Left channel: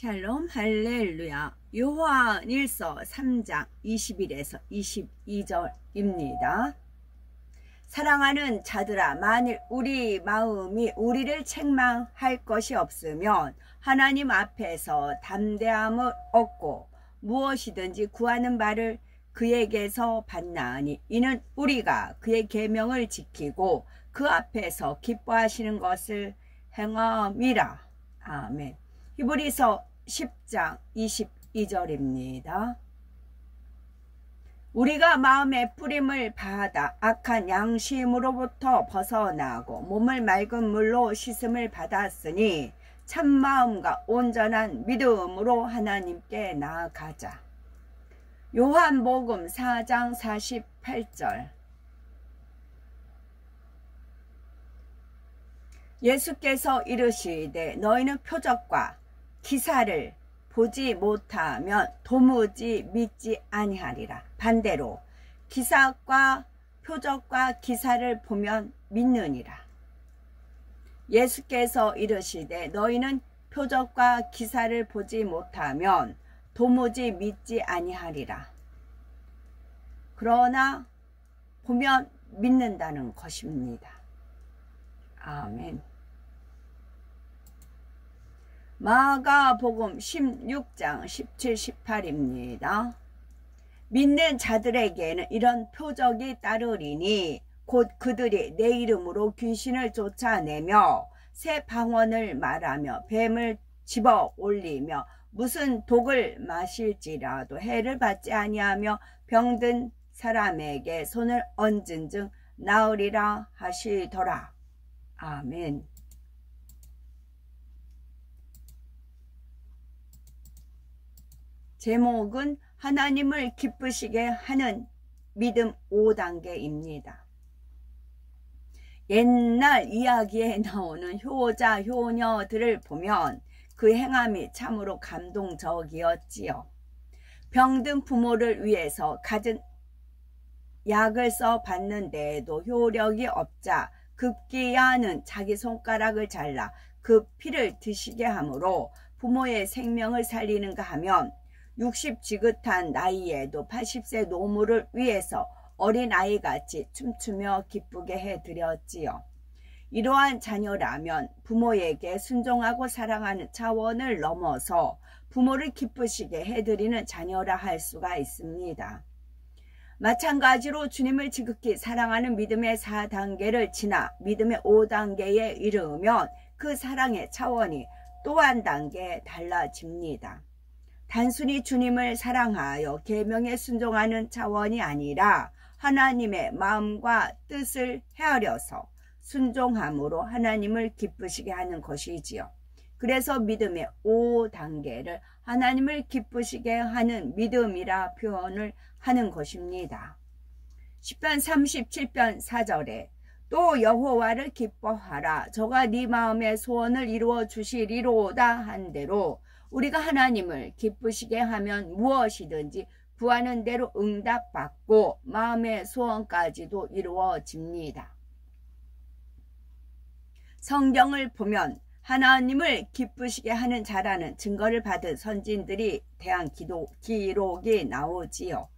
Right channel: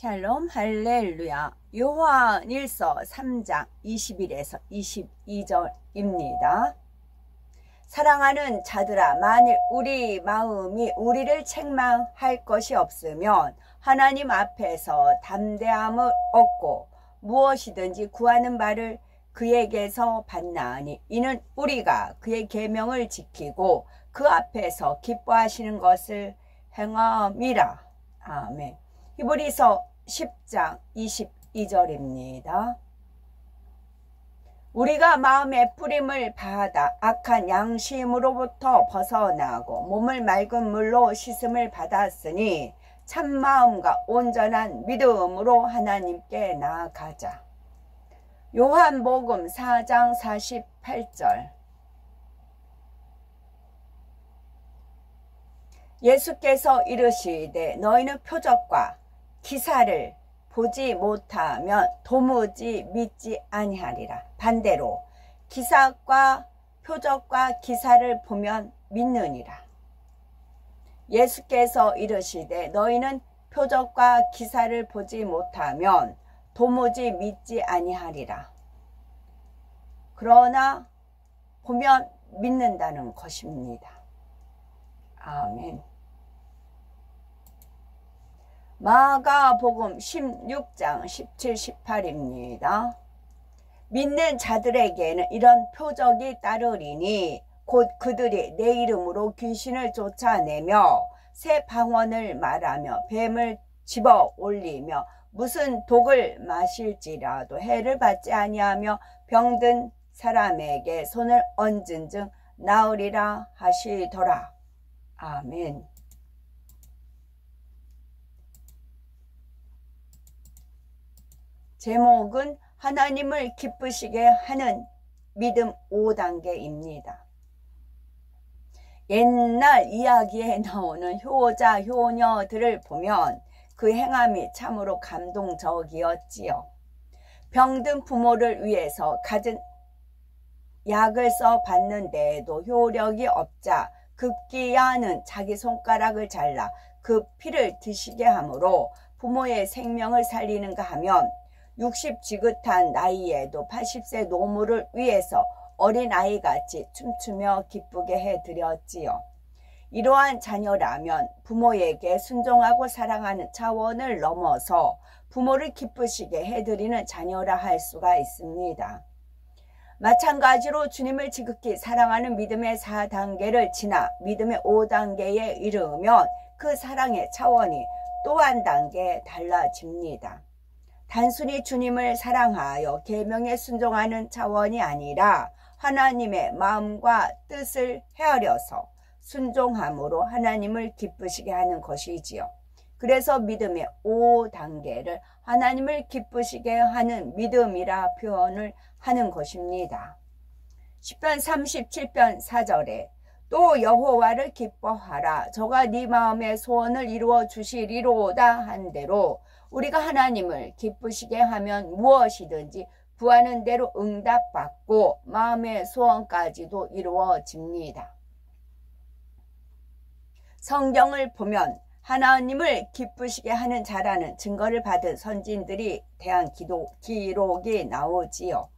샬롬 할렐루야. 요한일서 3장 21에서 22절입니다. 사랑하는 자들아, 만일 우리 마음이 우리를 책망할 것이 없으면 하나님 앞에서 담대함을 얻고 무엇이든지 구하는 바를 그에게서 받나니 이는 우리가 그의 계명을 지키고 그 앞에서 기뻐하시는 것을 행함이라. 아멘. 히브리서 10장 22절입니다. 우리가 마음의 뿌림을 받아 악한 양심으로부터 벗어나고 몸을 맑은 물로 씻음을 받았으니 참마음과 온전한 믿음으로 하나님께 나아가자. 요한복음 4장 48절. 예수께서 이르시되 너희는 표적과 기사를 보지 못하면 도무지 믿지 아니하리라. 반대로 기사과 표적과 기사를 보면 믿느니라. 예수께서 이르시되 너희는 표적과 기사를 보지 못하면 도무지 믿지 아니하리라. 그러나 보면 믿는다는 것입니다. 아멘. 마가복음 16장 17, 18입니다. 믿는 자들에게는 이런 표적이 따르리니 곧 그들이 내 이름으로 귀신을 쫓아내며 새 방언을 말하며 뱀을 집어 올리며 무슨 독을 마실지라도 해를 받지 아니하며 병든 사람에게 손을 얹은즉 나으리라 하시더라. 아멘. 제목은 하나님을 기쁘시게 하는 믿음 5단계입니다. 옛날 이야기에 나오는 효자, 효녀들을 보면 그 행함이 참으로 감동적이었지요. 병든 부모를 위해서 갖은 약을 써 봤는데도 효력이 없자 급기야는 자기 손가락을 잘라 그 피를 드시게 하므로 부모의 생명을 살리는가 하면 60 지긋한 나이에도 80세 노무를 위해서 어린아이같이 춤추며 기쁘게 해드렸지요. 이러한 자녀라면 부모에게 순종하고 사랑하는 차원을 넘어서 부모를 기쁘시게 해드리는 자녀라 할 수가 있습니다. 마찬가지로 주님을 지극히 사랑하는 믿음의 4단계를 지나 믿음의 5단계에 이르면 그 사랑의 차원이 또 한 단계 달라집니다. 단순히 주님을 사랑하여 계명에 순종하는 차원이 아니라 하나님의 마음과 뜻을 헤아려서 순종함으로 하나님을 기쁘시게 하는 것이지요. 그래서 믿음의 5단계를 하나님을 기쁘시게 하는 믿음이라 표현을 하는 것입니다. 시편 37편 4절에 또 여호와를 기뻐하라. 저가 네 마음의 소원을 이루어 주시리로다 한대로 우리가 하나님을 기쁘시게 하면 무엇이든지 구하는 대로 응답받고 마음의 소원까지도 이루어집니다. 성경을 보면 하나님을 기쁘시게 하는 자라는 증거를 받은 선진들이 대한 기록이 나오지요.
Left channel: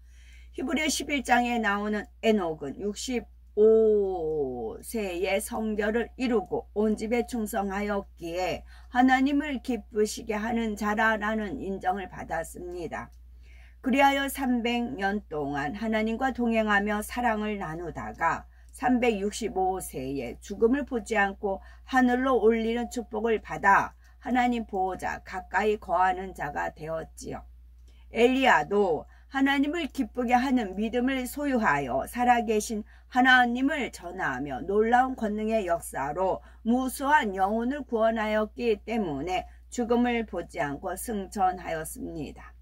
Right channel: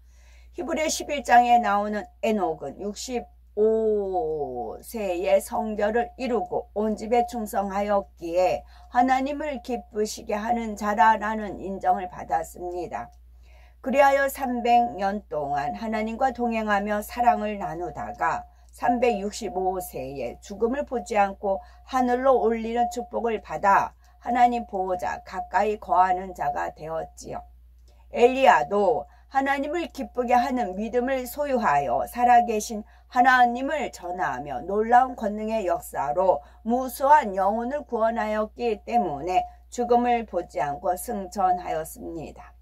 히브리 11장에 나오는 에녹은 65세의 성결을 이루고 온 집에 충성하였기에 하나님을 기쁘시게 하는 자라라는 인정을 받았습니다. 그리하여 300년 동안 하나님과 동행하며 사랑을 나누다가 365세에 죽음을 보지 않고 하늘로 올리는 축복을 받아 하나님 보호자 가까이 거하는 자가 되었지요. 엘리야도 하나님을 기쁘게 하는 믿음을 소유하여 살아계신 하나님을 전하며 놀라운 권능의 역사로 무수한 영혼을 구원하였기 때문에 죽음을 보지 않고 승천하였습니다.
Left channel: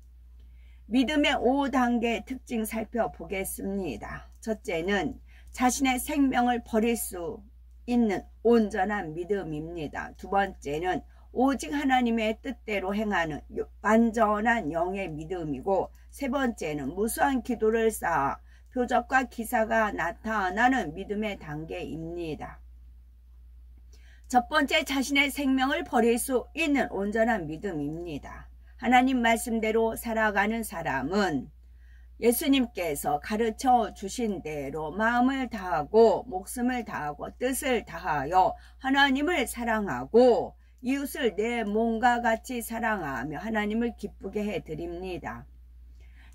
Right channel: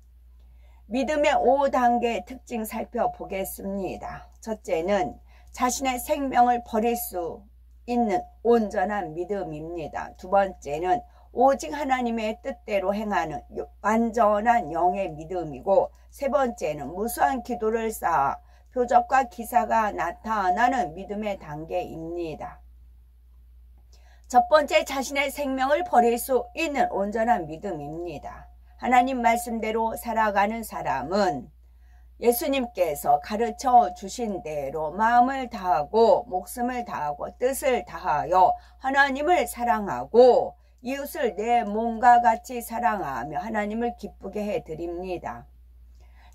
믿음의 5단계 특징 살펴보겠습니다. 첫째는 자신의 생명을 버릴 수 있는 온전한 믿음입니다. 두 번째는 오직 하나님의 뜻대로 행하는 완전한 영의 믿음이고, 세 번째는 무수한 기도를 쌓아 표적과 기사가 나타나는 믿음의 단계입니다. 첫 번째, 자신의 생명을 버릴 수 있는 온전한 믿음입니다. 하나님 말씀대로 살아가는 사람은 예수님께서 가르쳐 주신 대로 마음을 다하고 목숨을 다하고 뜻을 다하여 하나님을 사랑하고 이웃을 내 몸과 같이 사랑하며 하나님을 기쁘게 해드립니다.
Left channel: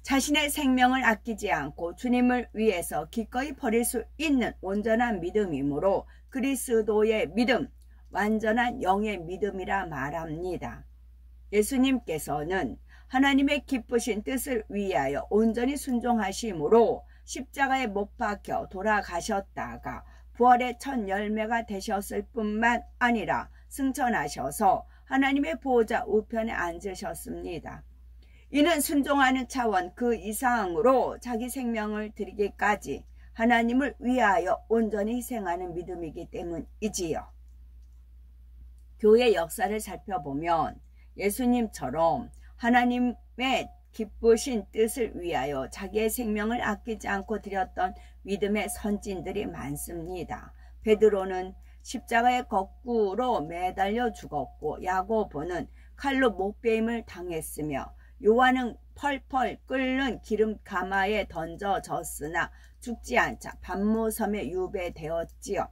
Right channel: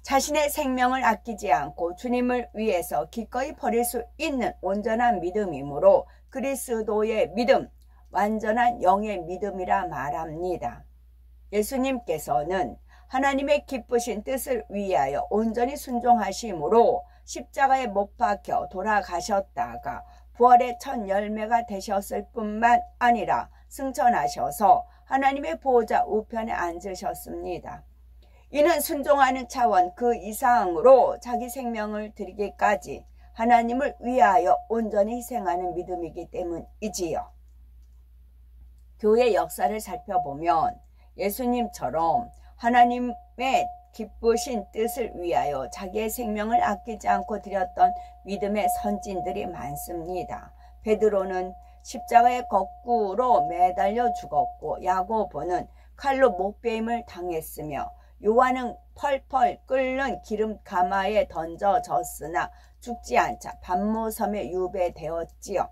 자신의 생명을 아끼지 않고 주님을 위해서 기꺼이 버릴 수 있는 온전한 믿음이므로 그리스도의 믿음, 완전한 영의 믿음이라 말합니다. 예수님께서는 하나님의 기쁘신 뜻을 위하여 온전히 순종하심으로 십자가에 못 박혀 돌아가셨다가 부활의 첫 열매가 되셨을 뿐만 아니라 승천하셔서 하나님의 보호자 우편에 앉으셨습니다. 이는 순종하는 차원 그 이상으로 자기 생명을 드리기까지 하나님을 위하여 온전히 희생하는 믿음이기 때문이지요. 교회 역사를 살펴보면 예수님처럼 하나님의 기쁘신 뜻을 위하여 자기의 생명을 아끼지 않고 드렸던 믿음의 선진들이 많습니다. 베드로는 십자가에 거꾸로 매달려 죽었고 야고보는 칼로 목베임을 당했으며 요한은 펄펄 끓는 기름 가마에 던져졌으나 죽지 않자 반모섬에 유배되었지요.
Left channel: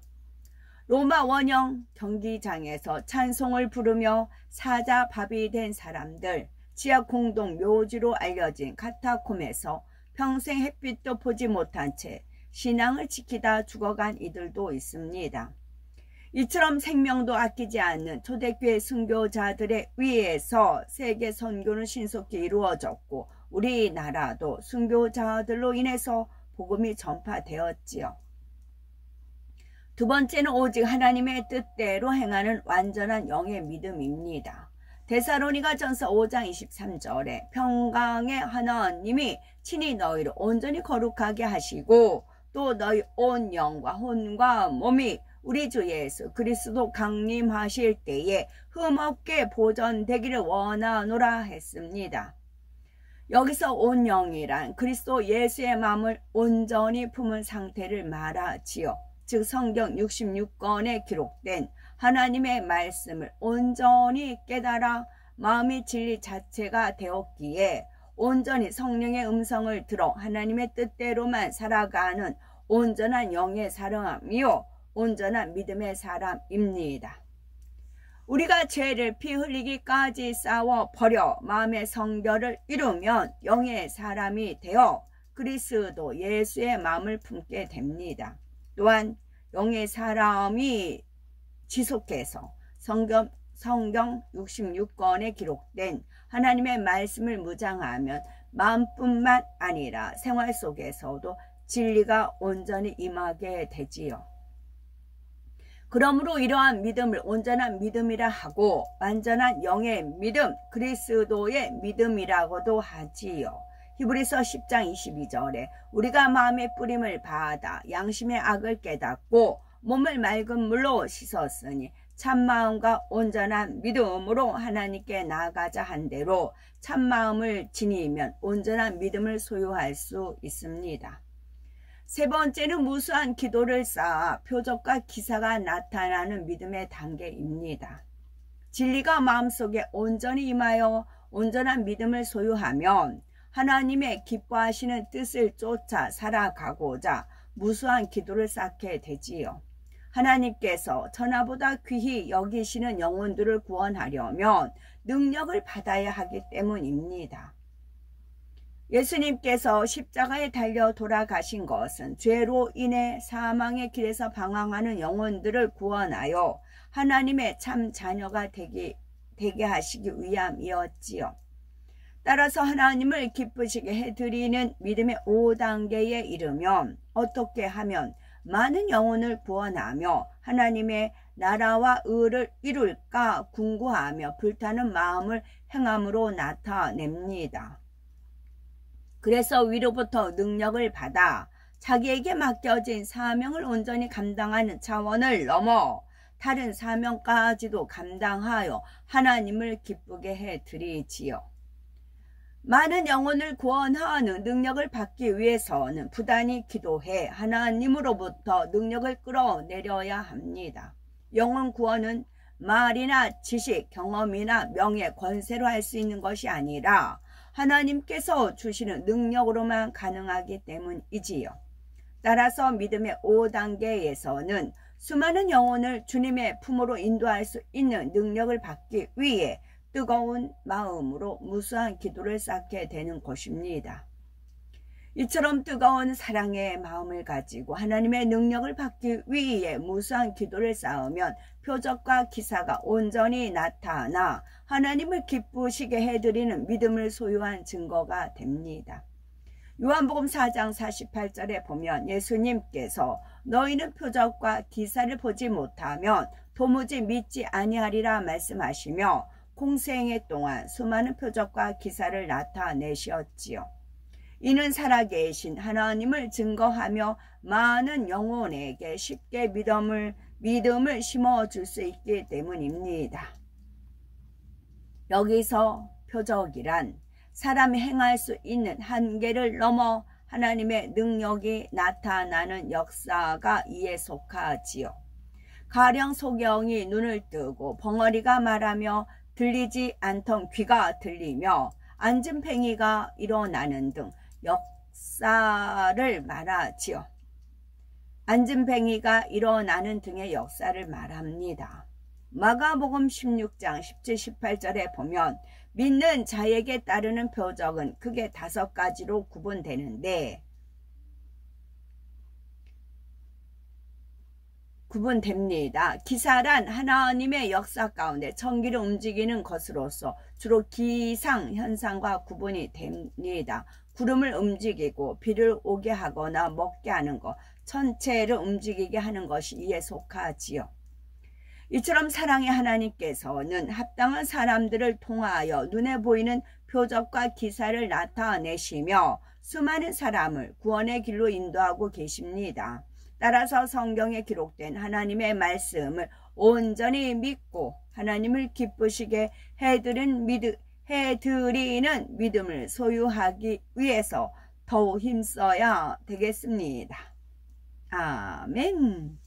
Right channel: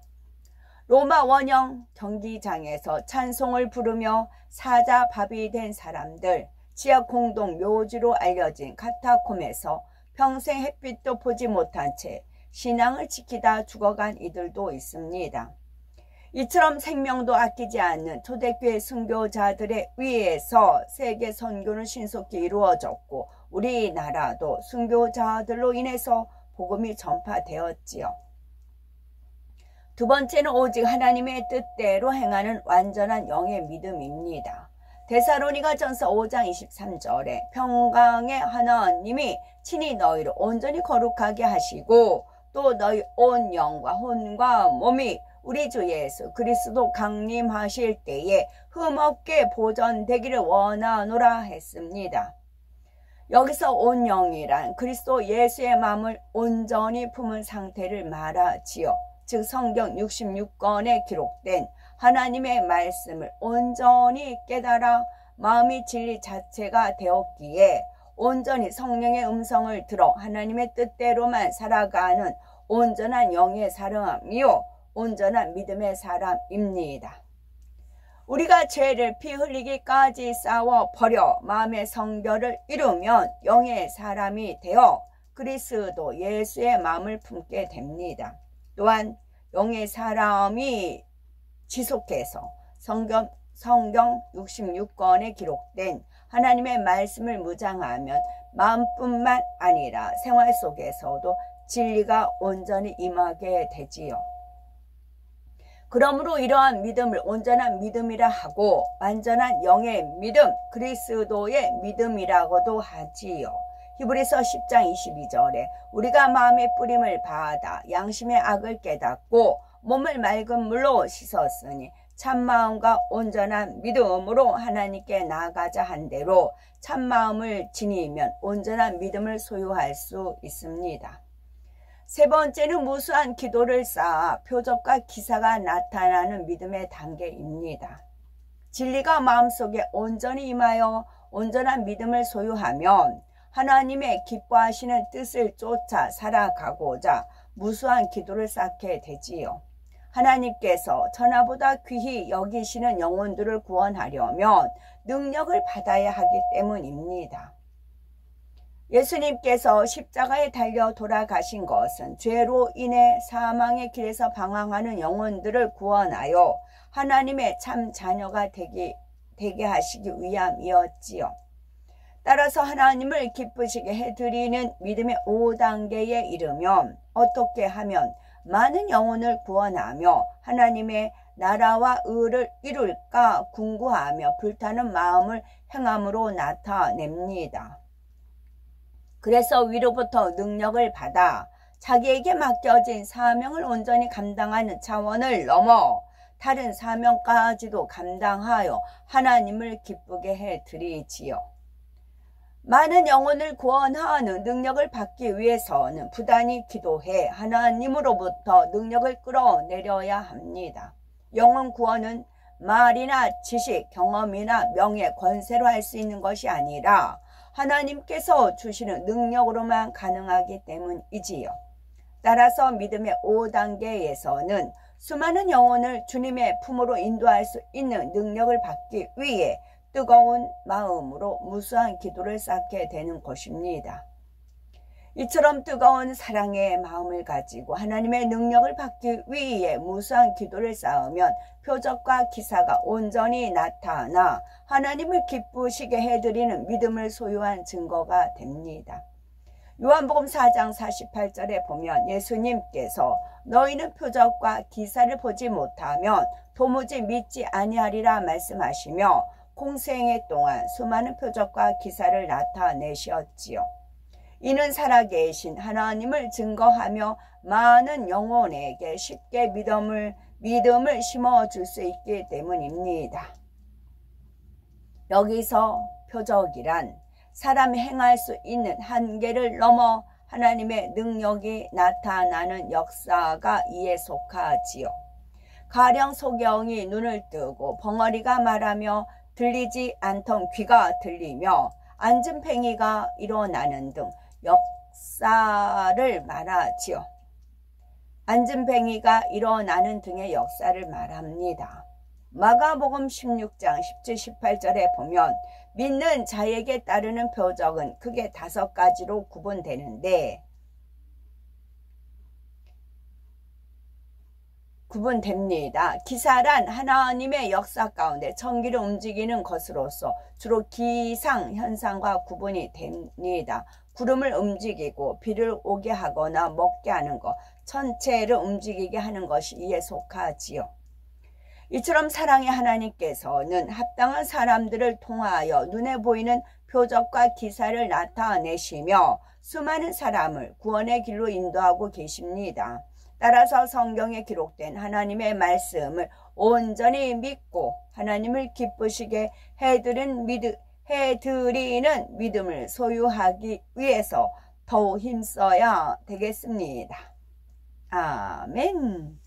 로마 원형 경기장에서 찬송을 부르며 사자밥이 된 사람들, 지하 공동 묘지로 알려진 카타콤에서 평생 햇빛도 보지 못한 채 신앙을 지키다 죽어간 이들도 있습니다. 이처럼 생명도 아끼지 않는 초대교회 순교자들에 의해서 세계 선교는 신속히 이루어졌고 우리나라도 순교자들로 인해서 복음이 전파되었지요. 두 번째는 오직 하나님의 뜻대로 행하는 완전한 영의 믿음입니다. 데살로니가전서 5장 23절에 평강의 하나님이 친히 너희를 온전히 거룩하게 하시고 또 너희 온 영과 혼과 몸이 우리 주 예수 그리스도 강림하실 때에 흠없게 보존되기를 원하노라 했습니다. 여기서 온 영이란 그리스도 예수의 마음을 온전히 품은 상태를 말하지요. 즉 성경 66권에 기록된 하나님의 말씀을 온전히 깨달아 마음이 진리 자체가 되었기에 온전히 성령의 음성을 들어 하나님의 뜻대로만 살아가는 온전한 영의 사람이요 온전한 믿음의 사람입니다. 우리가 죄를 피 흘리기까지 싸워 버려 마음의 성결을 이루면 영의 사람이 되어 그리스도 예수의 마음을 품게 됩니다. 또한 영의 사람이 지속해서 성경 66권에 기록된 하나님의 말씀을 무장하면 마음뿐만 아니라 생활 속에서도 진리가 온전히 임하게 되지요. 그러므로 이러한 믿음을 온전한 믿음이라 하고 완전한 영의 믿음, 그리스도의 믿음이라고도 하지요. 히브리서 10장 22절에 우리가 마음의 뿌림을 받아 양심의 악을 깨닫고 몸을 맑은 물로 씻었으니 참마음과 온전한 믿음으로 하나님께 나아가자 한 대로 참마음을 지니면 온전한 믿음을 소유할 수 있습니다. 세 번째는 무수한 기도를 쌓아 표적과 기사가 나타나는 믿음의 단계입니다. 진리가 마음속에 온전히 임하여 온전한 믿음을 소유하면 하나님의 기뻐하시는 뜻을 쫓아 살아가고자 무수한 기도를 쌓게 되지요. 하나님께서 천하보다 귀히 여기시는 영혼들을 구원하려면 능력을 받아야 하기 때문입니다. 예수님께서 십자가에 달려 돌아가신 것은 죄로 인해 사망의 길에서 방황하는 영혼들을 구원하여 하나님의 참 자녀가 되게 하시기 위함이었지요. 따라서 하나님을 기쁘시게 해드리는 믿음의 5단계에 이르면 어떻게 하면 많은 영혼을 구원하며 하나님의 나라와 의를 이룰까 궁구하며 불타는 마음을 행함으로 나타냅니다. 그래서 위로부터 능력을 받아 자기에게 맡겨진 사명을 온전히 감당하는 차원을 넘어 다른 사명까지도 감당하여 하나님을 기쁘게 해드리지요. 많은 영혼을 구원하는 능력을 받기 위해서는 부단히 기도해 하나님으로부터 능력을 끌어내려야 합니다. 영혼 구원은 말이나 지식, 경험이나 명예, 권세로 할 수 있는 것이 아니라 하나님께서 주시는 능력으로만 가능하기 때문이지요. 따라서 믿음의 5단계에서는 수많은 영혼을 주님의 품으로 인도할 수 있는 능력을 받기 위해 뜨거운 마음으로 무수한 기도를 쌓게 되는 것입니다. 이처럼 뜨거운 사랑의 마음을 가지고 하나님의 능력을 받기 위해 무수한 기도를 쌓으면 표적과 기사가 온전히 나타나 하나님을 기쁘시게 해드리는 믿음을 소유한 증거가 됩니다. 요한복음 4장 48절에 보면 예수님께서 너희는 표적과 기사를 보지 못하면 도무지 믿지 아니하리라 말씀하시며 공생애 동안 수많은 표적과 기사를 나타내셨지요. 이는 살아계신 하나님을 증거하며 많은 영혼에게 쉽게 믿음을 심어줄 수 있기 때문입니다. 여기서 표적이란 사람이 행할 수 있는 한계를 넘어 하나님의 능력이 나타나는 역사가 이에 속하지요. 가령 소경이 눈을 뜨고 벙어리가 말하며 들리지 않던 귀가 들리며 안진뱅이가 일어나는 등 역사를 말하지요. 안진뱅이가 일어나는 등의 역사를 말합니다. 마가복음 16장 17, 18절에 보면 믿는 자에게 따르는 표적은 크게 5가지로 구분됩니다. 기사란 하나님의 역사 가운데 천기를 움직이는 것으로서 주로 기상 현상과 구분이 됩니다. 구름을 움직이고 비를 오게 하거나 먹게 하는 것, 천체를 움직이게 하는 것이 이에 속하지요. 이처럼 사랑의 하나님께서는 합당한 사람들을 통하여 눈에 보이는 표적과 기사를 나타내시며 수많은 사람을 구원의 길로 인도하고 계십니다. 따라서 성경에 기록된 하나님의 말씀을 온전히 믿고 하나님을 기쁘시게 해드리는 믿음을 소유하기 위해서 더욱 힘써야 되겠습니다. 아멘.